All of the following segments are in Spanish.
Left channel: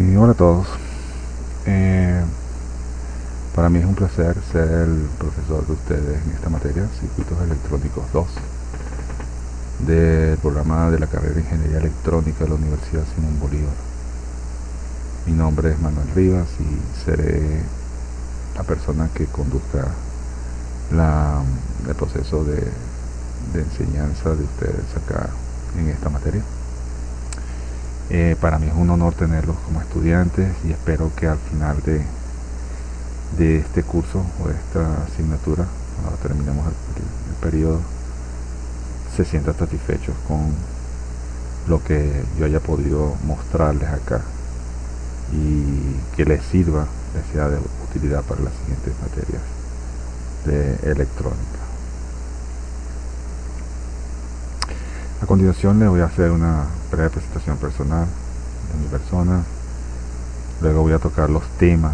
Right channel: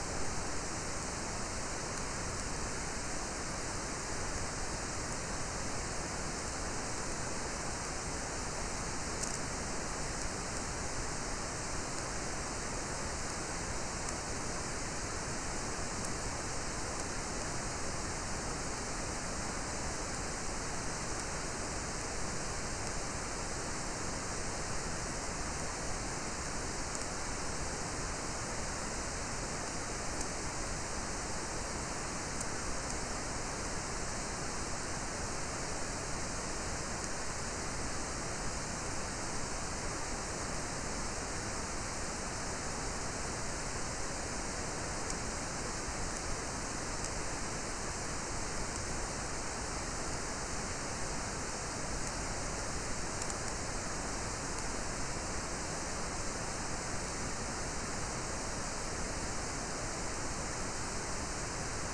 Hola a todos. Eh, para mí es un placer ser el profesor de ustedes en esta materia, Circuitos Electrónicos 2, del programa de la carrera de Ingeniería Electrónica de la Universidad Simón Bolívar. Mi nombre es Manuel Rivas y seré la persona que conduzca el proceso de enseñanza de ustedes acá en esta materia. Para mí es un honor tenerlos como estudiantes y espero que al final de este curso o de esta asignatura, cuando terminemos el periodo, se sientan satisfechos con lo que yo haya podido mostrarles acá y que les sirva, les sea de utilidad para las siguientes materias de electrónica. A continuación les voy a hacer una breve presentación personal de mi persona. Luego voy a tocar los temas,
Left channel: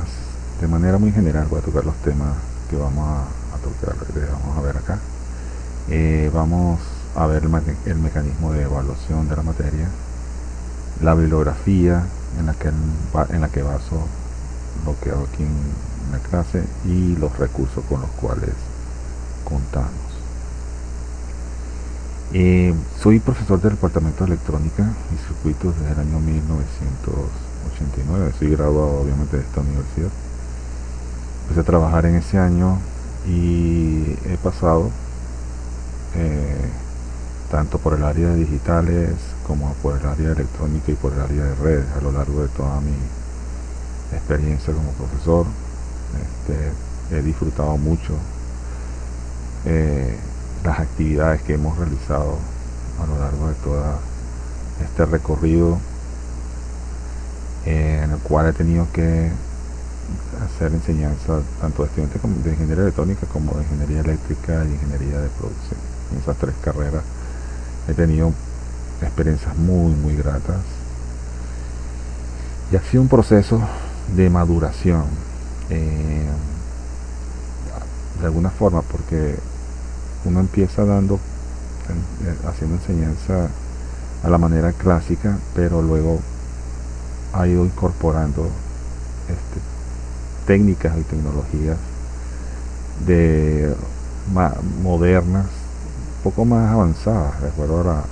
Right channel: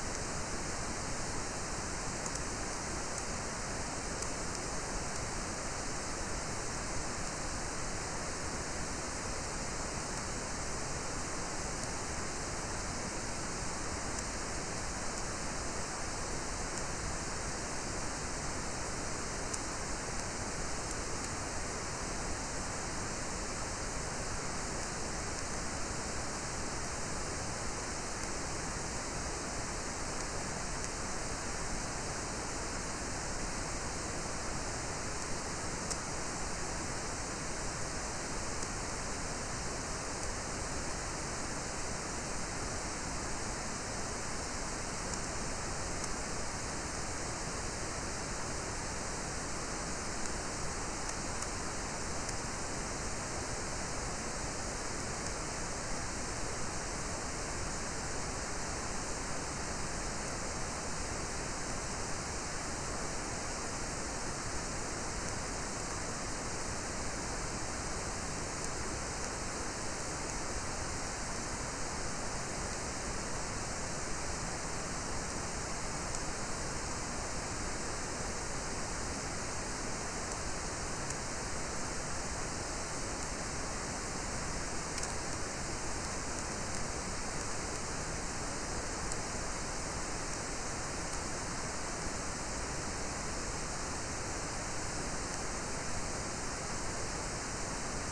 de manera muy general voy a tocar los temas que vamos a tocar, que vamos a ver acá. Vamos a ver el mecanismo de evaluación de la materia, la bibliografía en la que baso lo que hago aquí en la clase y los recursos con los cuales contamos. Soy profesor del Departamento de Electrónica y Circuitos desde el año 1989. Soy graduado obviamente de esta universidad. Empecé a trabajar en ese año y he pasado tanto por el área de digitales como por el área de electrónica y por el área de redes a lo largo de toda mi experiencia como profesor. He disfrutado mucho las actividades que hemos realizado a lo largo de todo este recorrido, en el cual he tenido que hacer enseñanza tanto de estudiantes de ingeniería electrónica como de ingeniería eléctrica y ingeniería de producción. En esas tres carreras he tenido experiencias muy gratas y ha sido un proceso de maduración de alguna forma, porque uno empieza haciendo enseñanza a la manera clásica, pero luego ha ido incorporando técnicas y tecnologías modernas, un poco más avanzadas, de acuerdo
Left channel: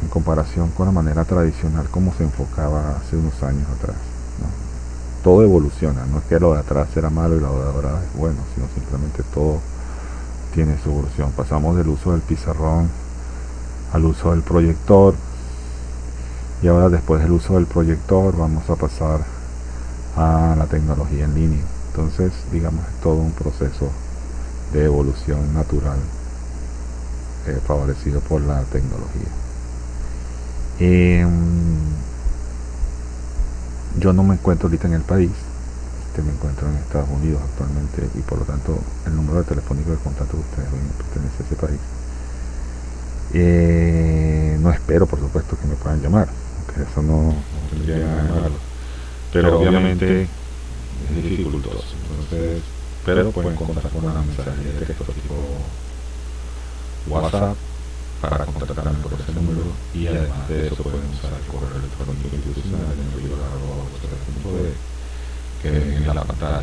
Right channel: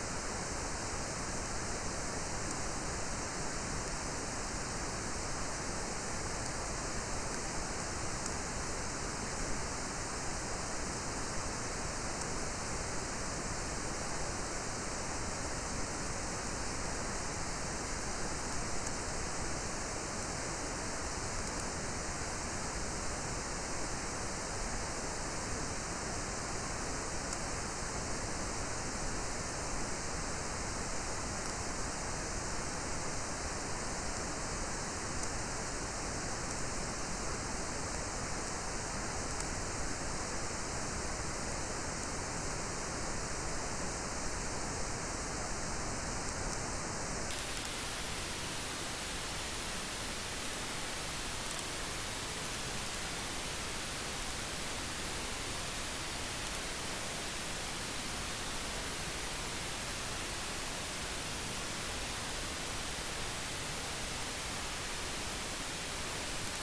en comparación con la manera tradicional como se enfocaba hace unos años atrás, ¿no? Todo evoluciona, no es que lo de atrás era malo y lo de ahora es bueno, sino simplemente todo tiene su evolución. Pasamos del uso del pizarrón al uso del proyector, y ahora después del uso del proyector vamos a pasar a la tecnología en línea. Entonces, digamos, es todo un proceso de evolución natural favorecido por la tecnología. Yo no me encuentro ahorita en el país, me encuentro en Estados Unidos actualmente, y por lo tanto el número de telefónico de contacto de ustedes pertenece a ese país. No espero, por supuesto, que me puedan llamar, porque eso no tendría nada de malo, pero obviamente es dificultoso. Entonces, pero pueden contactar con una mensaje de texto tipo WhatsApp para contactarme por ese número, y además de eso pueden usar el correo electrónico institucional en el lugar telefónico que ven en la pantalla.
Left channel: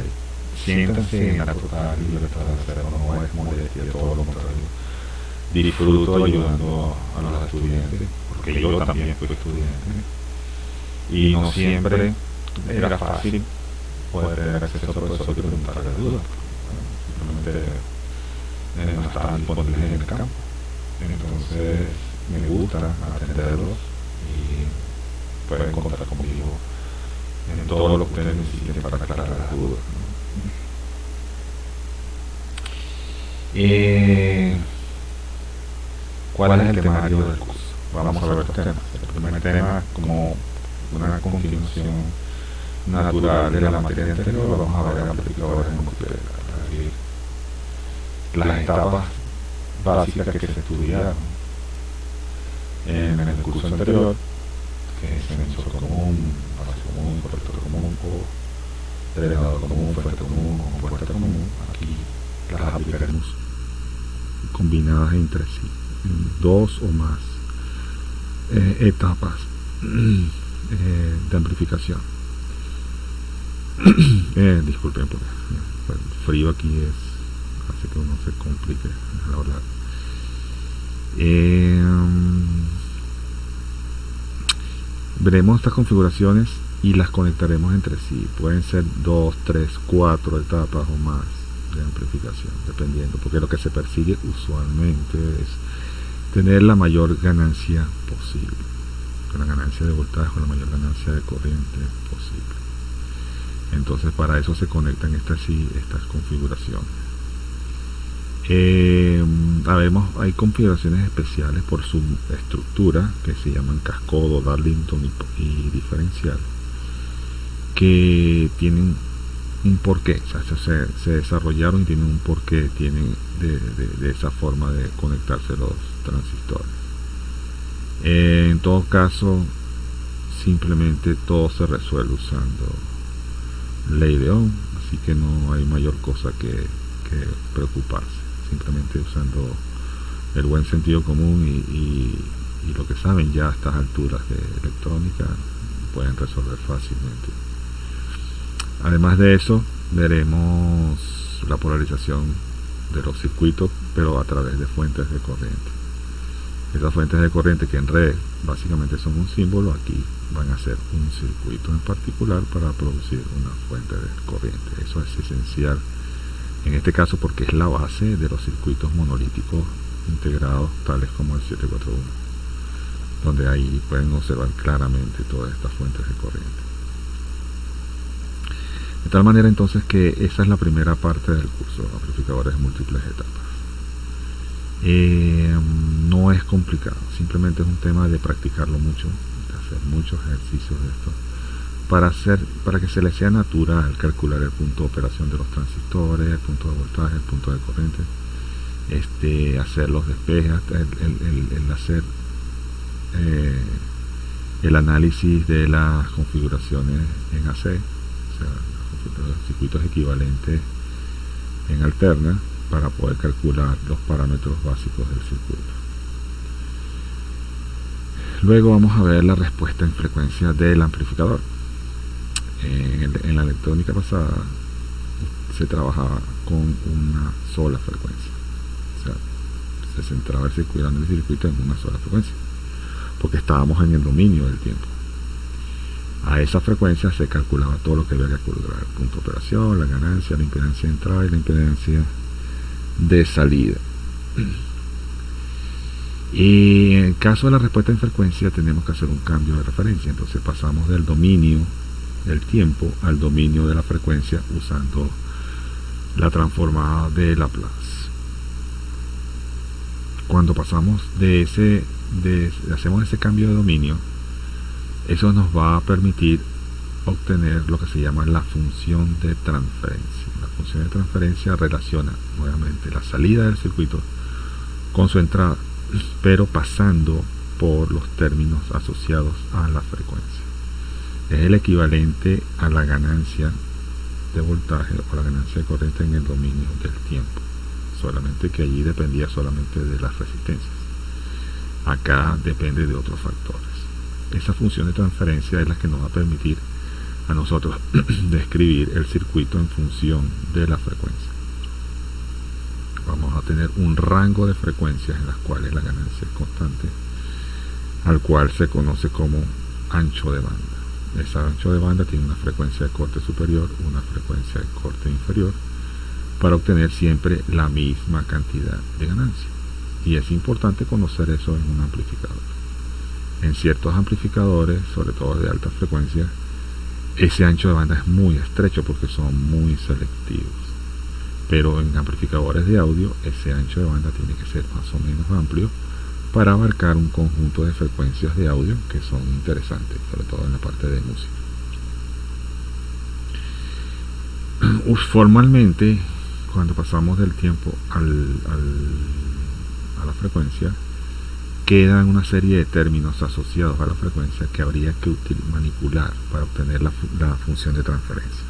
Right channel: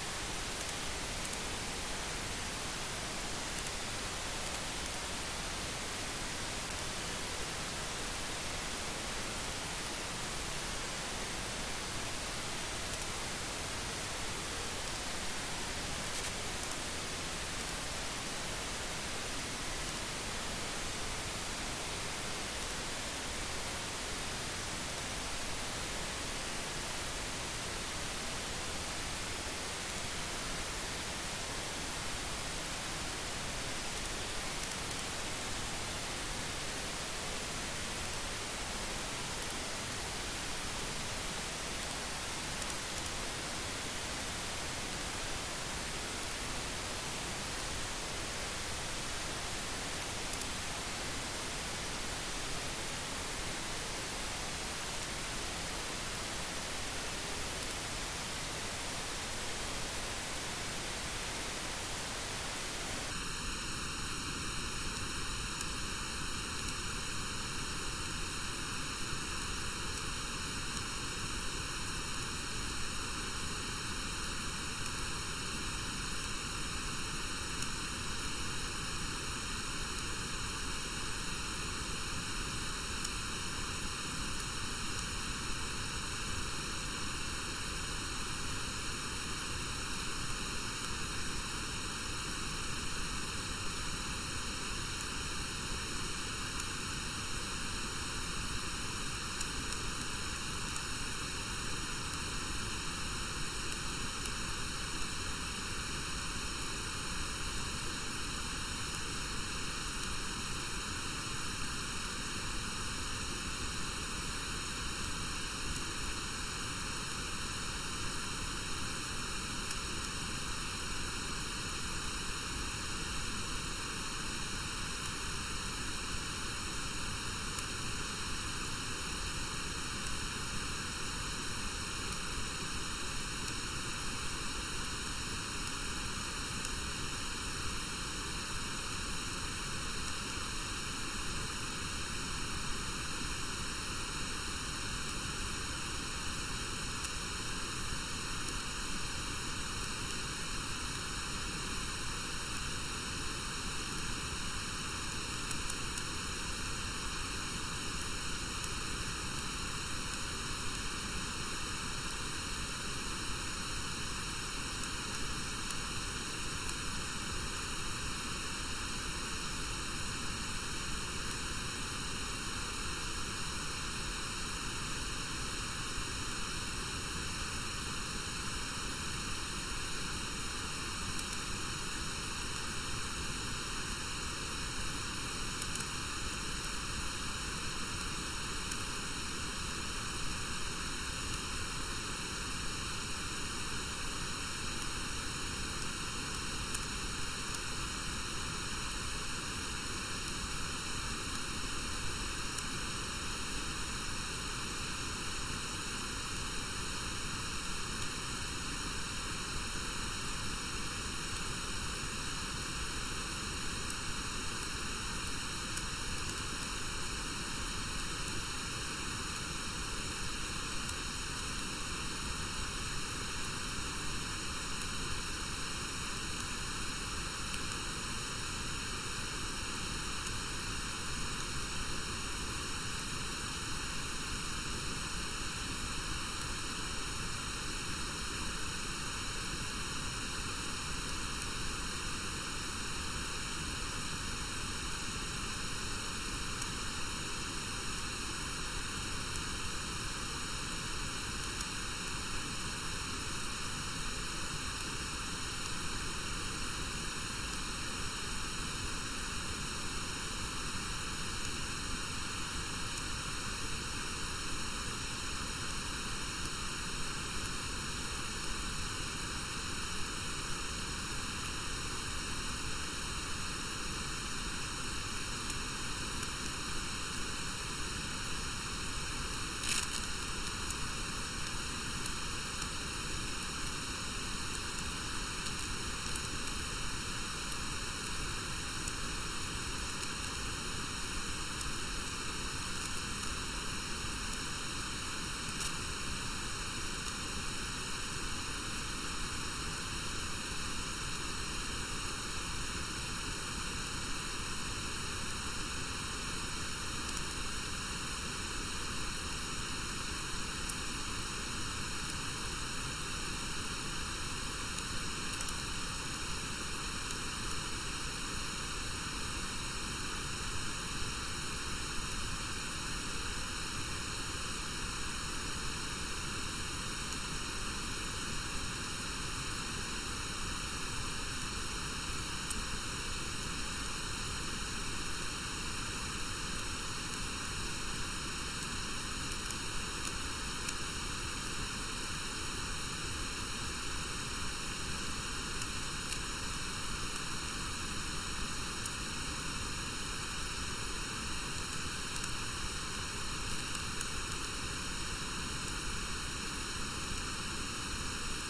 Siéntanse en la total libertad de hacerlo, no es molestia, todo lo contrario. Disfruto ayudando a los estudiantes, porque yo también fui estudiante, y no siempre era fácil poder tener acceso a profesores que me para ayuda. Simplemente no estaban disponibles en el campo. Entonces me gusta atenderlos y pueden contar conmigo en todo lo que ustedes necesiten para aclarar las dudas. ¿Cuál es el temario del curso? Vamos a ver los temas. El primer tema es como una continuación natural de la materia anterior. Vamos a ver amplificadores nucleares, las etapas básicas que se estudiaron en el curso anterior: sensor común, base común, profesor común, elevador común, puesto común, compuesto común. Aquí las aplicaremos combinadas entre sí, dos o más etapas de amplificación. Disculpen por el frío aquí hace que uno se complique al hablar. Veremos estas configuraciones y las conectaremos entre sí. Pueden ser 2, 3, 4 etapas o más de amplificación, dependiendo, porque lo que se persigue usualmente es tener la mayor ganancia posible, la ganancia de voltaje o la mayor ganancia de corriente posible. Entonces para eso se conectan estas configuraciones. Hay configuraciones especiales por su estructura que se llaman cascodo, Darlington y diferencial, que tienen un porqué, o sea, se desarrollaron y tienen un porqué, tienen de esa forma de conectarse los transistores. En todo caso, simplemente todo se resuelve usando ley de Ohm, así que no hay mayor cosa que preocuparse, simplemente usando el buen sentido común y lo que saben ya a estas alturas de electrónica pueden resolver fácilmente. Además de eso, veremos la polarización de los circuitos, pero a través de fuentes de corriente. Esas fuentes de corriente que en red básicamente son un símbolo, aquí van a ser un circuito en particular para producir una fuente de corriente. Eso es esencial en este caso porque es la base de los circuitos monolíticos integrados tales como el 741, donde ahí pueden observar claramente todas estas fuentes de corriente. De tal manera entonces que esa es la primera parte del curso, amplificadores de múltiples etapas. No es complicado, simplemente es un tema de practicarlo mucho, de hacer muchos ejercicios de esto, para que se les sea natural calcular el punto de operación de los transistores, el punto de voltaje, el punto de corriente, hacer los despejes, el hacer el análisis de las configuraciones en AC, o sea, los circuitos equivalentes en alterna, para poder calcular los parámetros básicos del circuito. Luego vamos a ver la respuesta en frecuencia del amplificador. En la electrónica pasada se trabajaba con una sola frecuencia, o sea, se centraba el circuito en una sola frecuencia, porque estábamos en el dominio del tiempo. A esa frecuencia se calculaba todo lo que había que calcular: el punto de operación, la ganancia, la impedancia de entrada y la impedancia de salida. Y en el caso de la respuesta en frecuencia tenemos que hacer un cambio de referencia, entonces pasamos del dominio del tiempo al dominio de la frecuencia usando la transformada de Laplace. Cuando pasamos hacemos ese cambio de dominio, eso nos va a permitir obtener lo que se llama la función de transferencia. La función de transferencia relaciona nuevamente la salida del circuito con su entrada, pero pasando por los términos asociados a la frecuencia. Es el equivalente a la ganancia de voltaje o la ganancia de corriente en el dominio del tiempo, solamente que allí dependía solamente de las resistencias. Acá depende de otros factores. Esa función de transferencia es la que nos va a permitir a nosotros describir el circuito en función de la frecuencia. Vamos a tener un rango de frecuencias en las cuales la ganancia es constante, al cual se conoce como ancho de banda. Ese ancho de banda tiene una frecuencia de corte superior, una frecuencia de corte inferior, para obtener siempre la misma cantidad de ganancia. Y es importante conocer eso en un amplificador. En ciertos amplificadores, sobre todo de alta frecuencia, ese ancho de banda es muy estrecho porque son muy selectivos. Pero en amplificadores de audio, ese ancho de banda tiene que ser más o menos amplio para abarcar un conjunto de frecuencias de audio que son interesantes, sobre todo en la parte de música. Formalmente, cuando pasamos del tiempo a la frecuencia, quedan una serie de términos asociados a la frecuencia que habría que manipular para obtener la función de transferencia.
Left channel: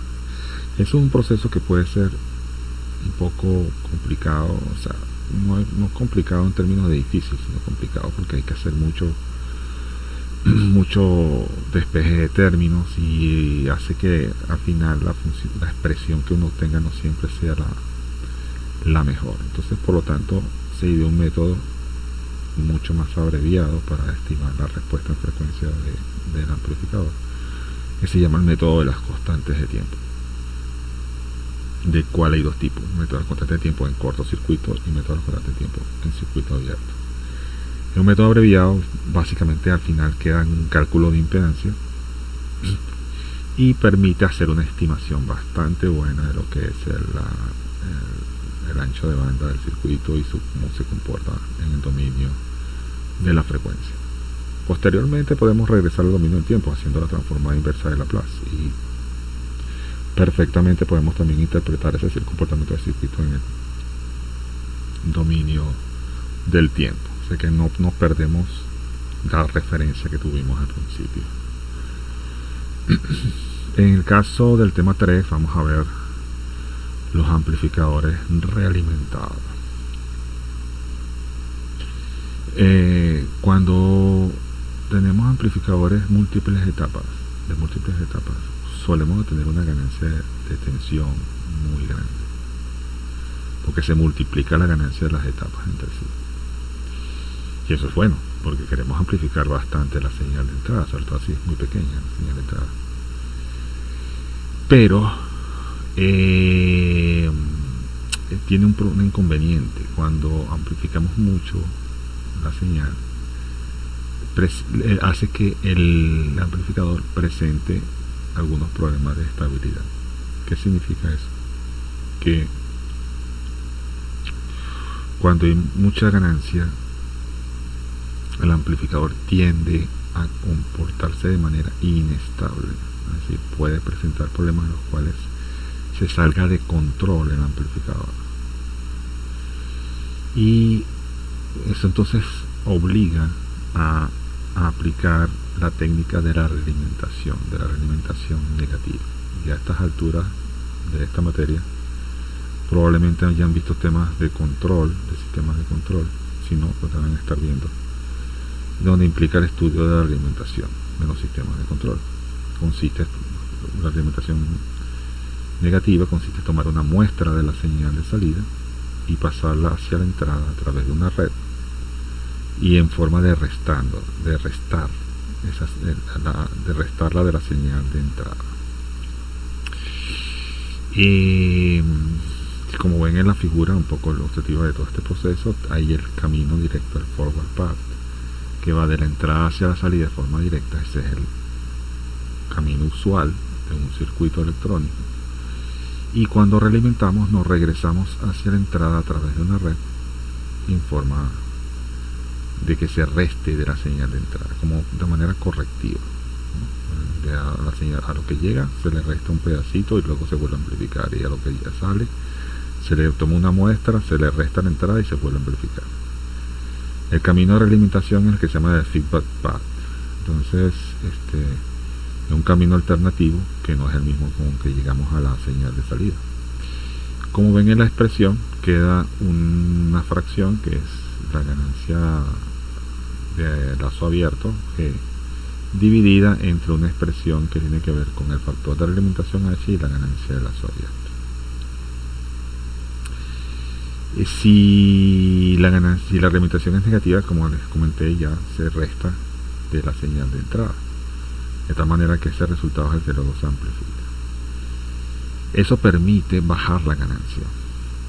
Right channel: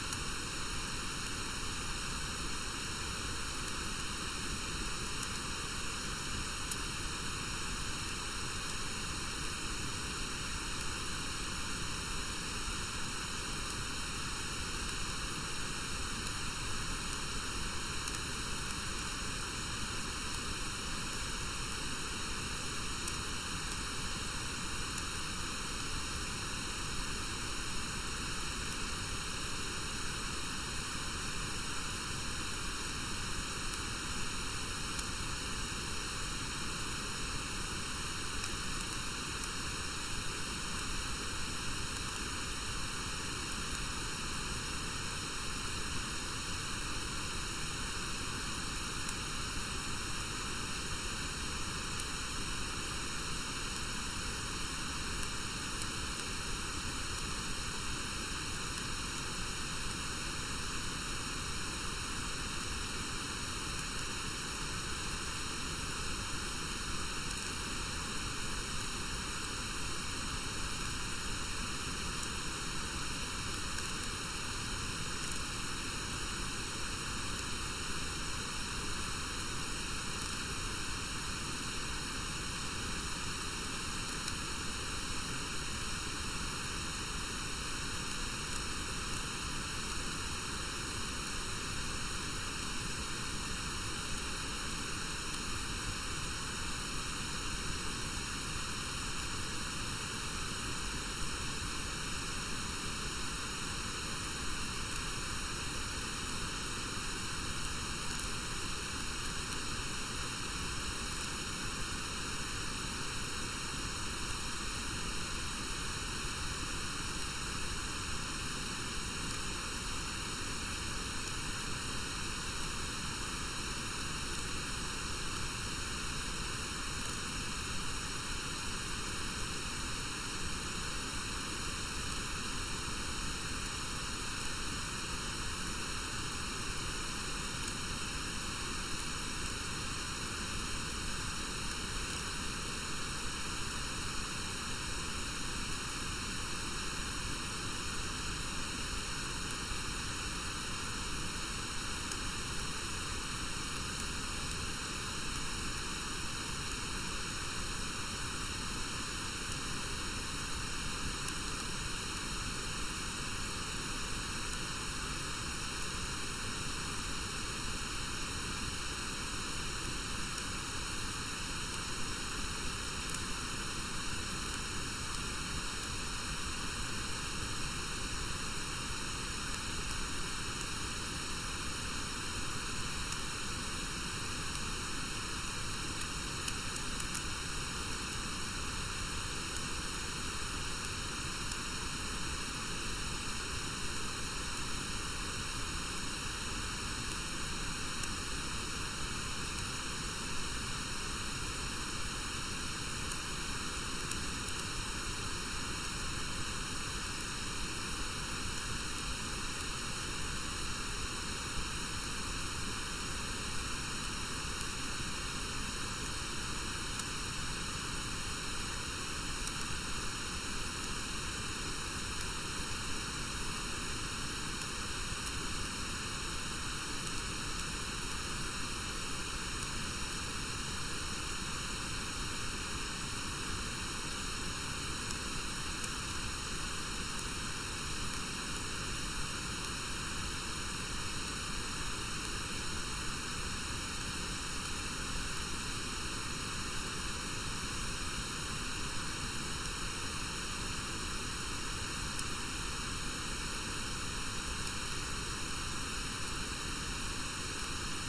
Es un proceso que puede ser un poco complicado, o sea, no es complicado en términos de difícil, sino complicado porque hay que hacer mucho despeje de términos y hace que al final la expresión que uno tenga no siempre sea la mejor. Entonces, por lo tanto, se ideó un método mucho más abreviado para estimar la respuesta en frecuencia del amplificador, que se llama el método de las constantes de tiempo, de cual hay dos tipos: método de constantes de tiempo en cortocircuito y método de constantes de tiempo en circuito abierto. En un método abreviado, básicamente al final queda un cálculo de impedancia y permite hacer una estimación bastante buena de lo que es el ancho de banda del circuito y cómo se comporta en el dominio de la frecuencia. Posteriormente podemos regresar al dominio del tiempo haciendo la transformada inversa de Laplace, y perfectamente podemos también interpretar ese comportamiento del circuito en el dominio del tiempo, así que no perdemos la referencia que tuvimos al principio. En el caso del tema 3 vamos a ver los amplificadores realimentados. Cuando tenemos amplificadores de múltiples etapas, solemos tener una ganancia de tensión muy grande, porque se multiplica la ganancia de las etapas entre sí. Y eso es bueno, porque queremos amplificar bastante la señal de entrada, sobre todo si es muy pequeña la señal de entrada. Pero tiene un inconveniente. Cuando amplificamos mucho la señal, hace que el amplificador presente algunos problemas de estabilidad. ¿Qué significa eso? Que cuando hay mucha ganancia, el amplificador tiende a comportarse de manera inestable, es decir, puede presentar problemas en los cuales se salga de control el amplificador, y eso entonces obliga a aplicar la técnica de la realimentación negativa. Y a estas alturas de esta materia probablemente hayan visto temas de control, de sistemas de control, si no, pues van a estar viendo, donde implica el estudio de la realimentación de los sistemas de control. La realimentación negativa consiste en tomar una muestra de la señal de salida y pasarla hacia la entrada a través de una red, y en forma de restarla de la señal de entrada. Y como ven en la figura, un poco el objetivo de todo este proceso, hay el camino directo al forward path, que va de la entrada hacia la salida de forma directa. Ese es el camino usual de un circuito electrónico. Y cuando realimentamos, nos regresamos hacia la entrada a través de una red, en forma de que se reste de la señal de entrada, como de manera correctiva. A la señal, a lo que llega se le resta un pedacito y luego se vuelve a amplificar, y a lo que ya sale se le toma una muestra, se le resta la entrada y se vuelve a amplificar. El camino de realimentación es el que se llama el feedback path. Entonces es un camino alternativo que no es el mismo con que llegamos a la señal de salida. Como ven en la expresión, queda una fracción que es la ganancia de lazo abierto, dividida entre una expresión que tiene que ver con el factor de realimentación H y la ganancia de lazo abierto. Si la realimentación es negativa, como les comenté, ya se resta de la señal de entrada, de tal manera que ese resultado es el que luego se amplifica. Eso permite bajar la ganancia,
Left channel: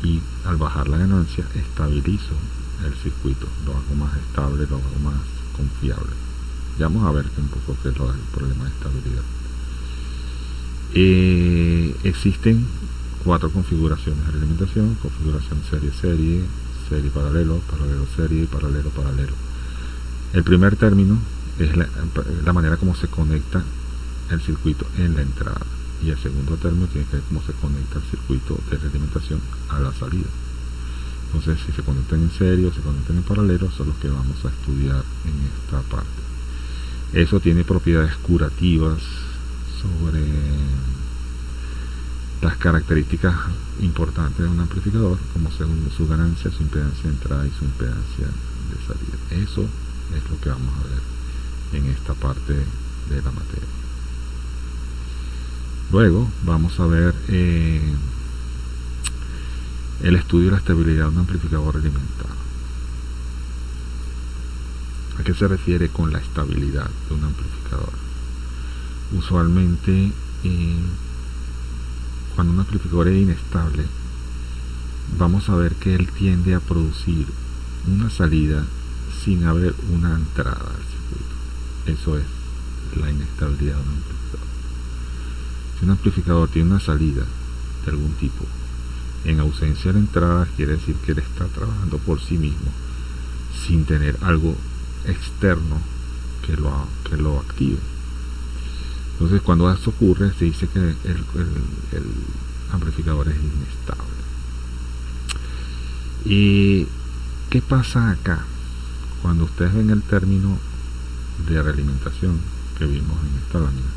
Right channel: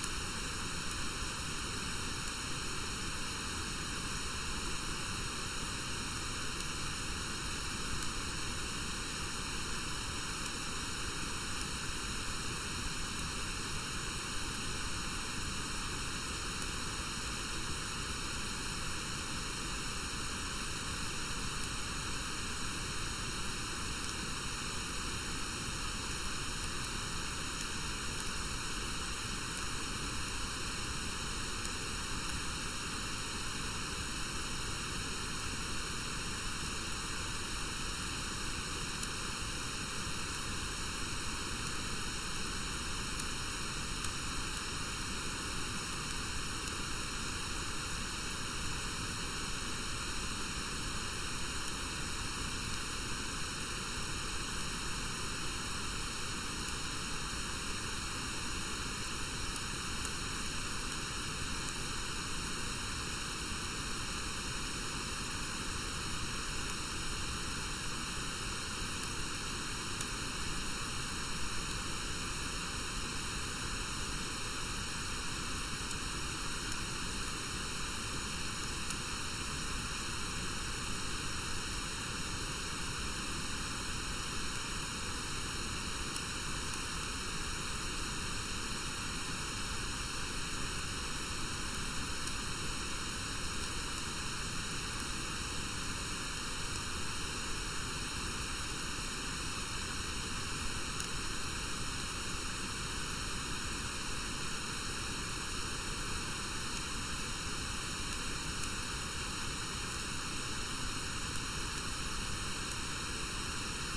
y al bajar la ganancia estabilizo el circuito, lo hago más estable, lo hago más confiable. Ya vamos a ver un poco qué es lo del problema de estabilidad. Existen 4 configuraciones de realimentación: configuración serie-serie, serie-paralelo, paralelo-serie y paralelo-paralelo. El primer término es la manera como se conecta el circuito en la entrada, y el segundo término tiene que ver cómo se conecta el circuito de realimentación a la salida. Entonces, si se conectan en serie o se conectan en paralelo, son los que vamos a estudiar en esta parte. Eso tiene propiedades curativas sobre las características importantes de un amplificador, como su ganancia, su impedancia de entrada y su impedancia de salida. Eso es lo que vamos a ver en esta parte de la materia. Luego vamos a ver el estudio de la estabilidad de un amplificador alimentado. ¿A qué se refiere con la estabilidad de un amplificador? Usualmente cuando un amplificador es inestable, vamos a ver que él tiende a producir una salida sin haber una entrada. Eso es la inestabilidad de un amplificador. Si un amplificador tiene una salida de algún tipo en ausencia de la entrada, quiere decir que él está trabajando por sí mismo sin tener algo externo que lo active. Entonces, cuando eso ocurre, se dice que el amplificador es inestable. ¿Y qué pasa acá? Cuando ustedes ven el término de realimentación que vimos en esta lámina,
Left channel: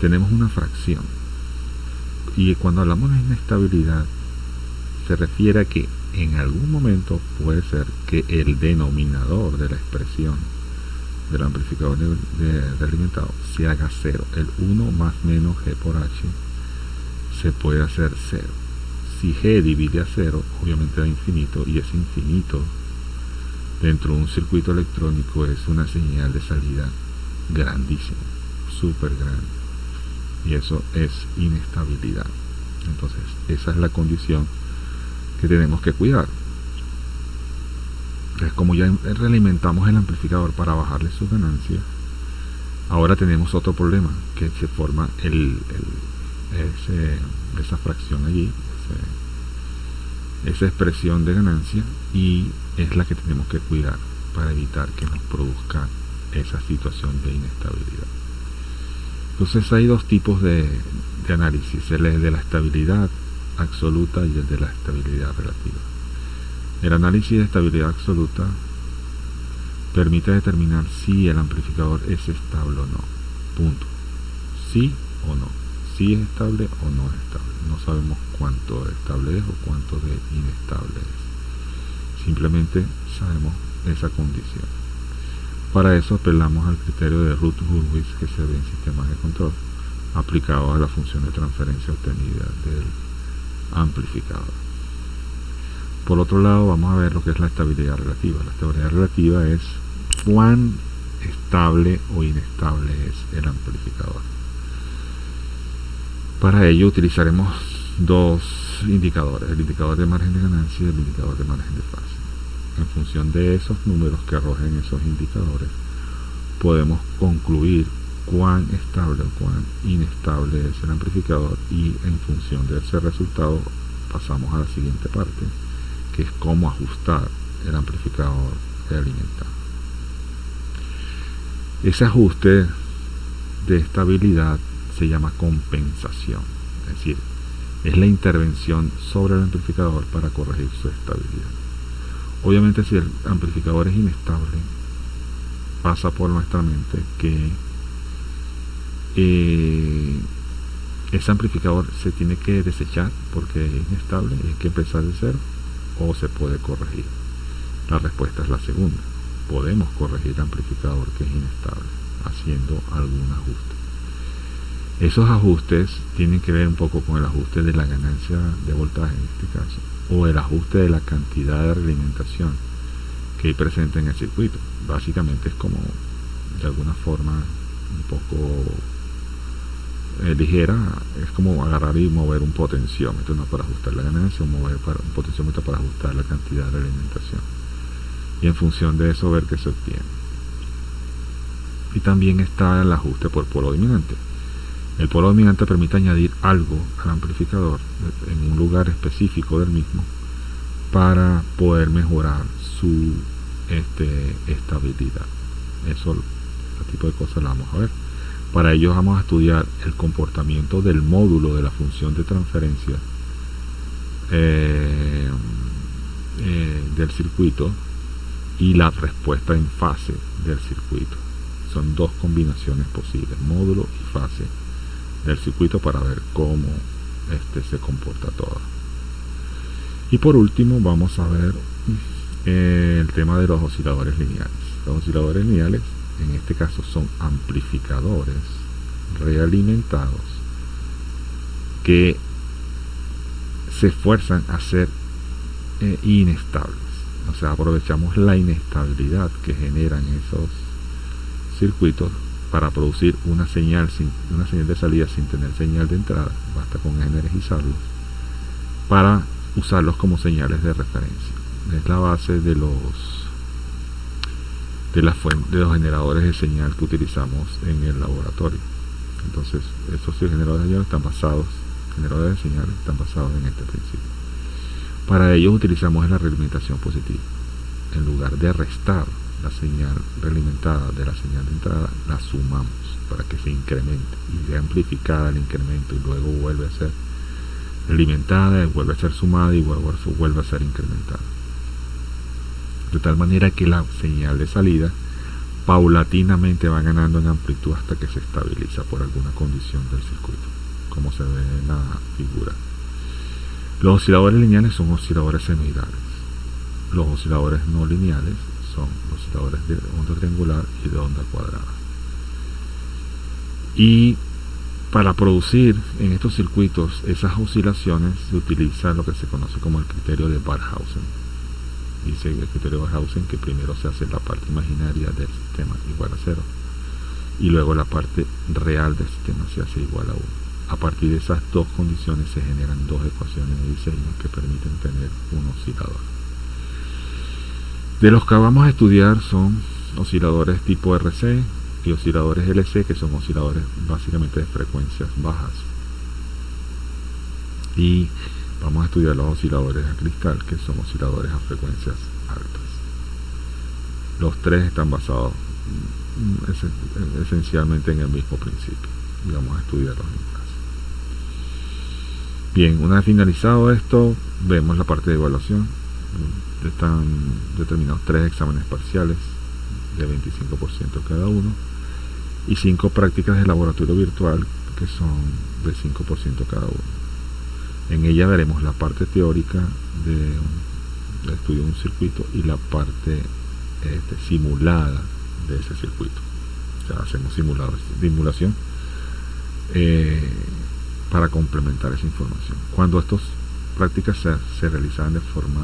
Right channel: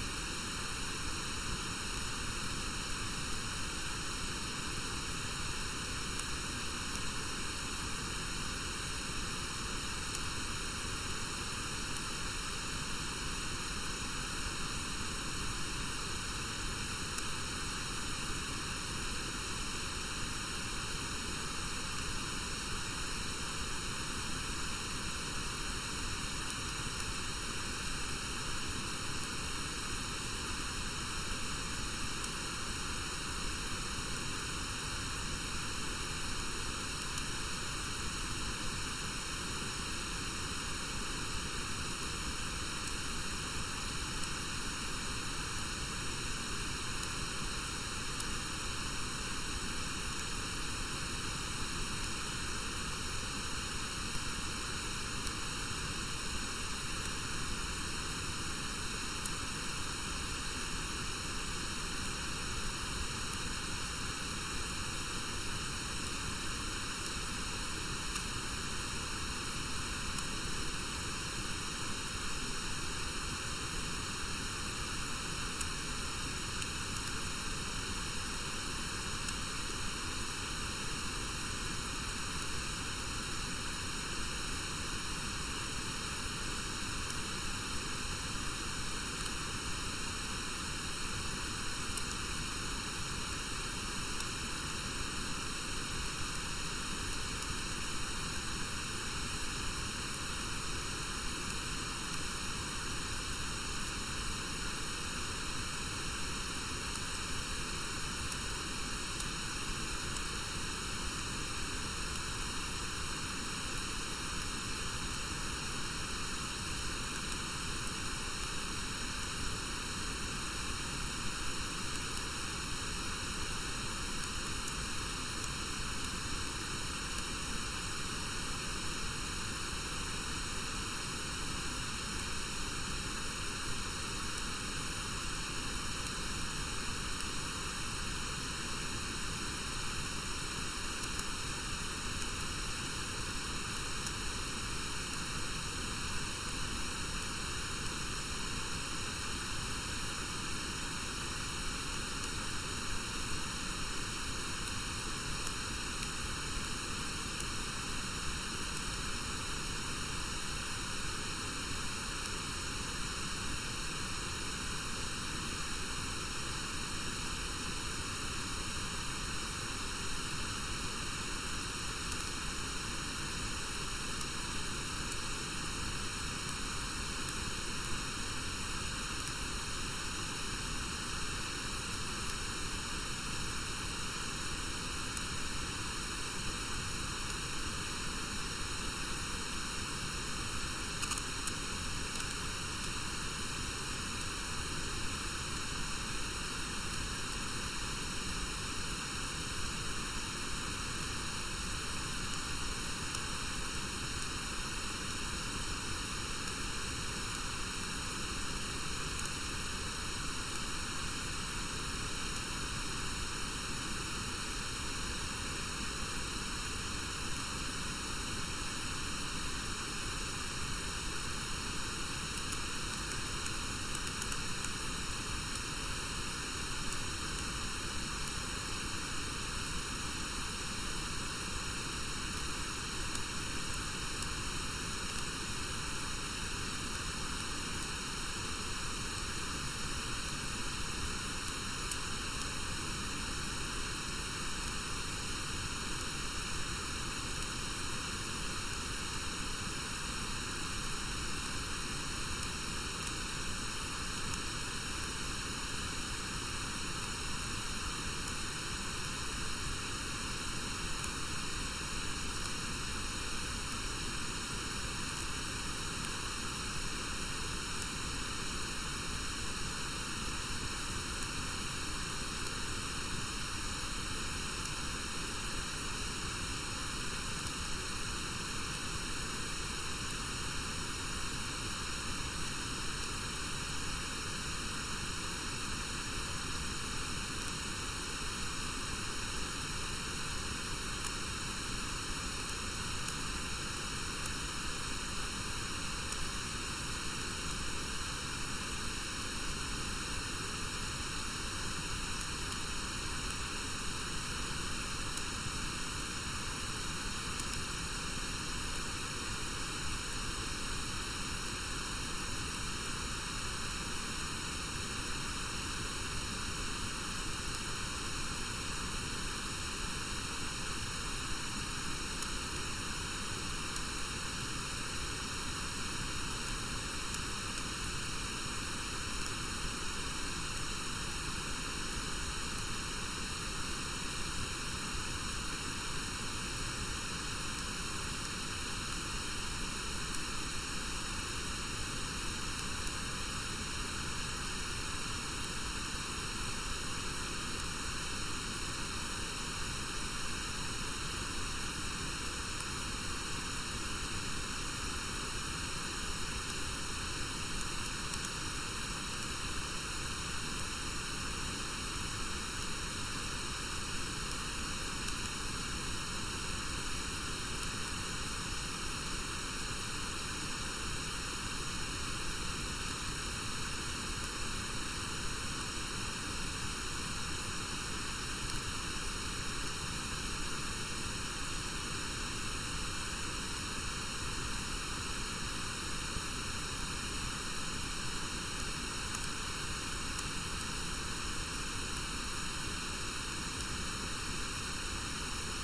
tenemos una fracción. Y cuando hablamos de inestabilidad, se refiere a que en algún momento puede ser que el denominador de la expresión del amplificador realimentado se haga cero. El 1 más menos G por H se puede hacer cero. Si G divide a cero, obviamente da infinito, y ese infinito dentro de un circuito electrónico es una señal de salida grandísima, súper grande, y eso es inestabilidad. Entonces esa es la condición que tenemos que cuidar. Entonces, como ya realimentamos el amplificador para bajarle sus ganancias, ahora tenemos otro problema, que se forma esa fracción allí, esa expresión de ganancia, y es la que tenemos que cuidar para evitar que nos produzca esa situación de inestabilidad. Entonces hay dos tipos de análisis, el de la estabilidad absoluta y el de la estabilidad relativa. El análisis de estabilidad absoluta permite determinar si el amplificador es estable o no. Punto. Sí o no. Si es estable o no es estable. No sabemos cuánto estable es o cuánto de inestable es. Simplemente sabemos esa condición. Para eso apelamos al criterio de Routh-Hurwitz que se ve en sistemas de control, aplicado a la función de transferencia obtenida del amplificador. Por otro lado, vamos a ver lo que es la estabilidad relativa. La estabilidad relativa es cuán estable o inestable es el amplificador. Para ello utilizaremos dos indicadores, el indicador de margen de ganancia y el indicador de margen de fase. En función de esos números que arrojen esos indicadores, podemos concluir cuán estable o cuán inestable es el amplificador, y en función de ese resultado pasamos a la siguiente parte, que es cómo ajustar el amplificador de alimentado. Ese ajuste de estabilidad se llama compensación, es decir, es la intervención sobre el amplificador para corregir su estabilidad. Obviamente, si el amplificador es inestable, pasa por nuestra mente que ese amplificador se tiene que desechar porque es inestable, hay que empezar de cero, o se puede corregir. La respuesta es la segunda. Podemos corregir el amplificador que es inestable haciendo algún ajuste. Esos ajustes tienen que ver un poco con el ajuste de la ganancia de voltaje en este caso, o el ajuste de la cantidad de realimentación que hay presente en el circuito. Básicamente es como, de alguna forma, un poco ligera, es como agarrar y mover un potenciómetro, ¿no? Para ajustar la ganancia, o mover un potenciómetro para ajustar la cantidad de realimentación, y en función de eso ver qué se obtiene. Y también está el ajuste por polo dominante. El polo dominante permite añadir algo al amplificador en un lugar específico del mismo para poder mejorar su estabilidad. Eso, este tipo de cosas la vamos a ver. Para ello vamos a estudiar el comportamiento del módulo de la función de transferencia del circuito y la respuesta en fase del circuito. Son dos combinaciones posibles, módulo y fase del circuito, para ver cómo se comporta todo. Y por último vamos a ver el tema de los osciladores lineales. Los osciladores lineales en este caso son amplificadores realimentados, que se esfuerzan a ser inestables. O sea, aprovechamos la inestabilidad que generan esos circuitos para producir una señal de salida sin tener señal de entrada, basta con energizarlo, para usarlos como señales de referencia. Es la base de los generadores de señal que utilizamos en el laboratorio. Entonces, esos generadores de señal están basados en este principio. Para ello utilizamos la realimentación positiva. En lugar de restar la señal realimentada de la señal de entrada, la sumamos para que se incremente, y de amplificada el incremento, y luego vuelve a ser realimentada, y vuelve a ser sumada, y vuelve a ser incrementada. De tal manera que la señal de salida paulatinamente va ganando en amplitud hasta que se estabiliza por alguna condición del circuito, como se ve en la figura. Los osciladores lineales son osciladores senoidales. Los osciladores no lineales son osciladores de onda triangular y de onda cuadrada. Y para producir en estos circuitos esas oscilaciones se utiliza lo que se conoce como el criterio de Barkhausen. Dice el criterio de Barkhausen que primero se hace la parte imaginaria del sistema igual a 0, y luego la parte real del sistema se hace igual a 1. A partir de esas dos condiciones se generan dos ecuaciones de diseño que permiten tener un oscilador. De los que vamos a estudiar son osciladores tipo RC y osciladores LC, que son osciladores básicamente de frecuencias bajas. Y vamos a estudiar los osciladores a cristal, que son osciladores a frecuencias altas. Los tres están basados esencialmente en el mismo principio, y vamos a estudiarlos. Bien, una vez finalizado esto, vemos la parte de evaluación. Están determinados 3 exámenes parciales de 25% cada uno, y 5 prácticas de laboratorio virtual que son de 5% cada uno. En ella veremos la parte teórica del estudio de un circuito y la parte simulada de ese circuito. O sea, hacemos simulación para complementar esa información. Cuando estas prácticas se realizaban de forma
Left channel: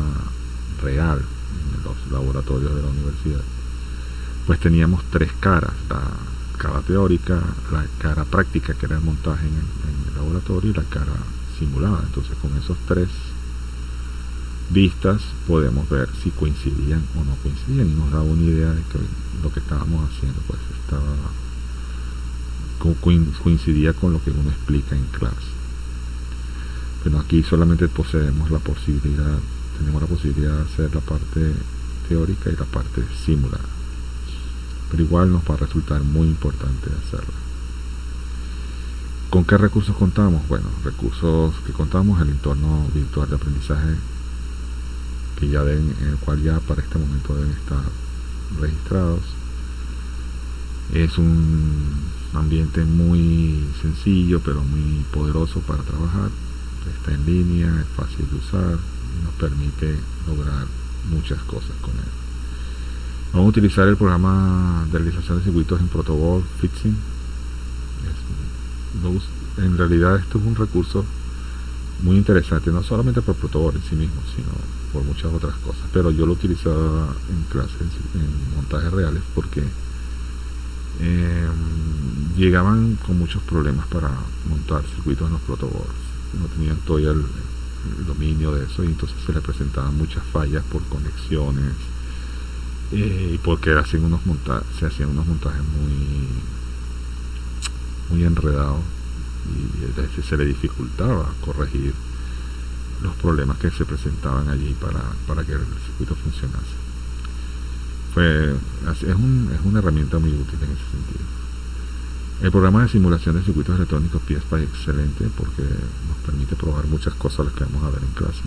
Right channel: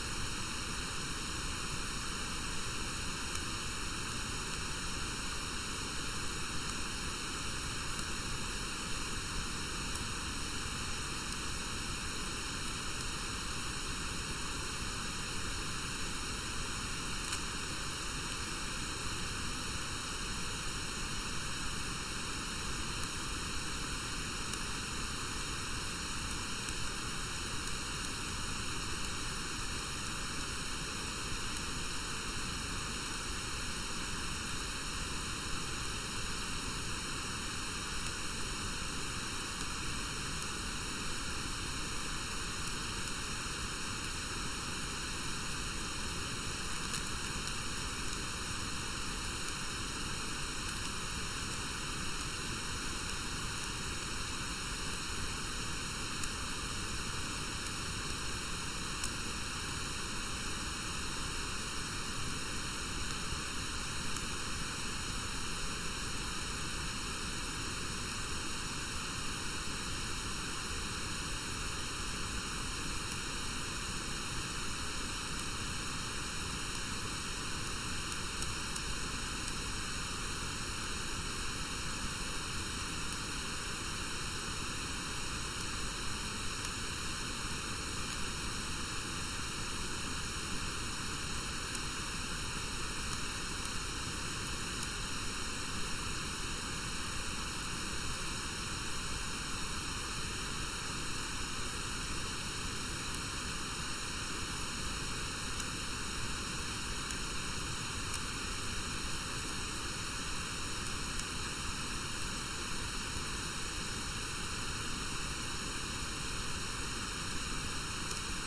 real en los laboratorios de la universidad, pues teníamos 3 caras: la cara teórica, la cara práctica, que era el montaje en el laboratorio, y la cara simulada. Entonces, con esos 3 vistas podemos ver si coincidían o no coincidían, y nos daba una idea de que lo que estábamos haciendo pues coincidía con lo que uno explica en clase. Pero aquí solamente tenemos la posibilidad de hacer la parte teórica y la parte simulada, pero igual nos va a resultar muy importante hacerlo. ¿Con qué recursos contamos? Bueno, recursos que contamos: el entorno virtual de aprendizaje, en el cual ya para este momento deben estar registrados. Es un ambiente muy sencillo pero muy poderoso para trabajar. Está en línea, es fácil de usar, nos permite lograr muchas cosas con él. Vamos a utilizar el programa de realización de circuitos en Protoball Fixing. En realidad esto es un recurso muy interesante, no solamente por Protoball en sí mismo, sino por muchas otras cosas. Pero yo lo utilizaba en clases, en montajes reales, porque llegaban con muchos problemas para montar circuitos en los Protoball. No tenían todavía el dominio de eso, y entonces se les presentaban muchas fallas por conexiones, y porque se hacían unos montajes muy enredados, y se le dificultaba corregir los problemas que se presentaban allí para que el circuito funcionase. Es una herramienta muy útil en ese sentido. El programa de simulación de circuitos electrónicos PSPI es excelente porque nos permite probar muchas cosas, las que vamos a ver en clase.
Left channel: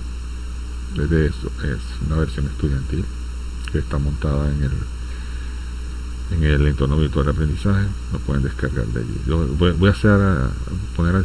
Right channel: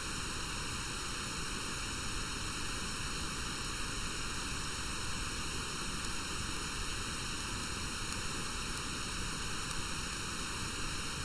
Desde eso, es una versión estudiantil que está montada en el entorno virtual de aprendizaje. Lo pueden descargar de allí. Voy a poner a